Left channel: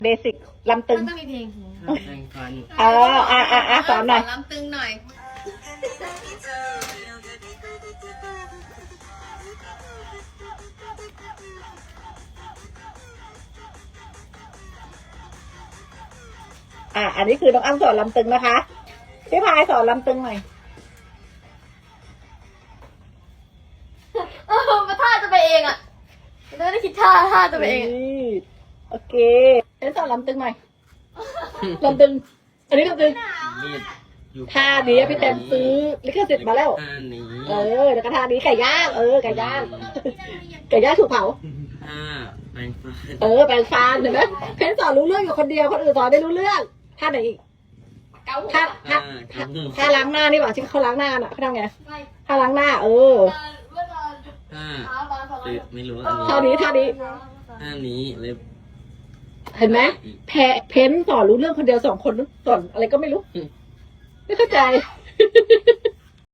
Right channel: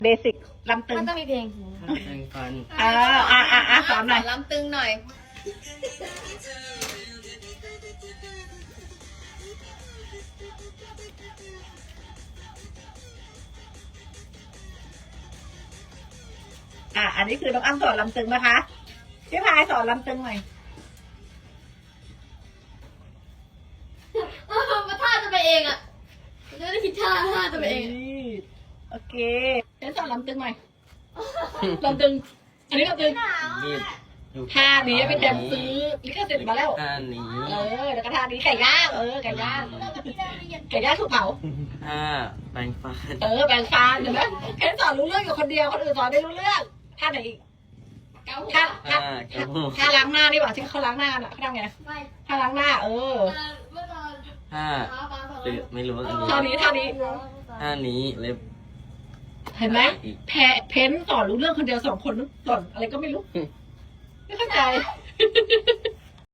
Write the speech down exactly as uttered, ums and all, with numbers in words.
เบสิกลำตึงมันต้องมีเพลงท่าแปรงฟันเอออ่ะอ่ะอ่ะสอนหน่อยลำตึงหน่อยอ่ะอันนี้คือน้องอ้ำสอนลำตึงนะคะพี่พายสอนลำตึงหน่อยเออมาท่าจะไปเองอ่ะไม่ได้คิดท่าท่าจะไปเองอะนี่โอเคฉันสอนลำตึงหน่อยลำตึง อันนี้ลำตึงมีดอยู่ท่านี้พี่เต็มซื้อลิขสิทธิ์มาแล้วท่านี้เออแล้วก็ท่านี้ไก่ย่างเออไก่ย่างไก่ย่างถูกเผาท่าแปรงฟันเออแปลงฟันเห็นไหมเพ้นสอนรู้เรื่องอยู่คนเดียวคนอื่นสอนไม่รู้เรื่องท่าไหนอีกท่าท่าท่ากระโดดท่าล้างหน้านี่ป่ะที่เขาล้างหน้าน่ะเขาทำไงไม่ท่าล้างหน้าเออเมื่อตอนท่าเช้าตอนสอนตื่นไม่รู้อันท่านี้นี้ท่านี้ท่านี้เล็บเห็นไหมแพเพ้นสอนรู้เรื่องคนเดียวสองคนสอนอะไรก็ไม่รู้ไม่เข้าใจ